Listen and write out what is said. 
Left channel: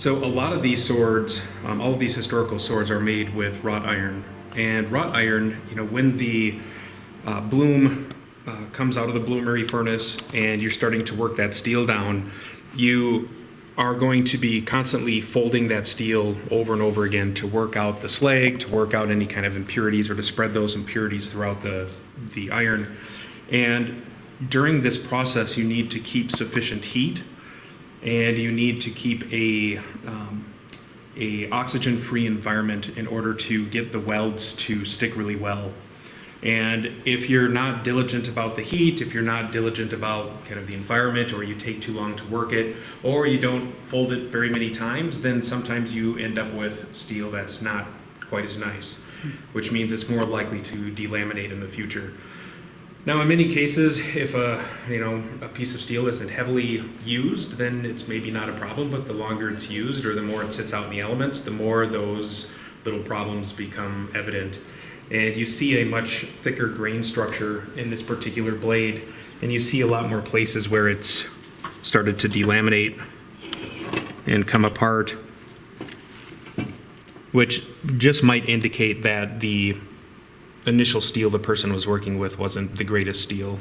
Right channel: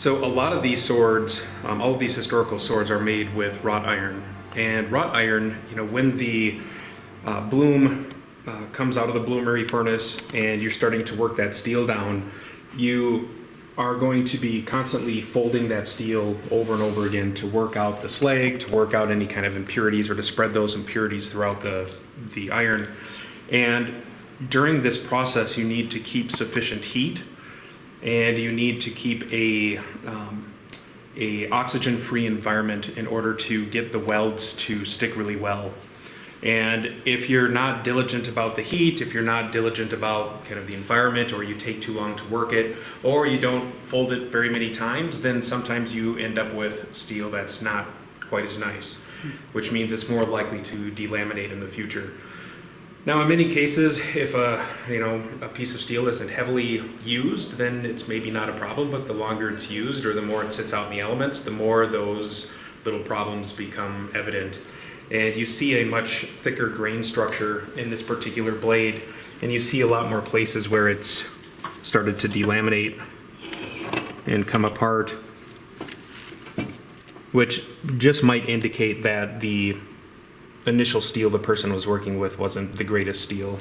So a lot of these swords, all of these historical swords are made with wrought iron. And wrought iron, when the bloom comes out of the bloomery furnace and you're starting to work that steel down, you are going to be constantly folding that steel over and over again to work out the slag, to work out any kind of impurities, or to spread those impurities throughout the iron. And during this process, you need to keep sufficient heat, and you need to keep a oxygen-free environment in order to get the welds to stick really well. And if you're not diligent about the heat, if you're not diligent about kind of the environment, or you take too long to work it, or you don't fold it very many times, then sometimes you end up with steel that's not quite as nice, which means it's more likely to delaminate in the future. Now, in many cases, if a piece of steel isn't heavily used, then it's maybe not a problem, but the longer it's used or the more it sits out in the elements, the more those little problems become evident. And you see a much thicker grain structure in this particular blade, and you see a lot more places where it's started to delaminate and come apart, which just might indicate that the initial steel the person was working with wasn't the greatest steel.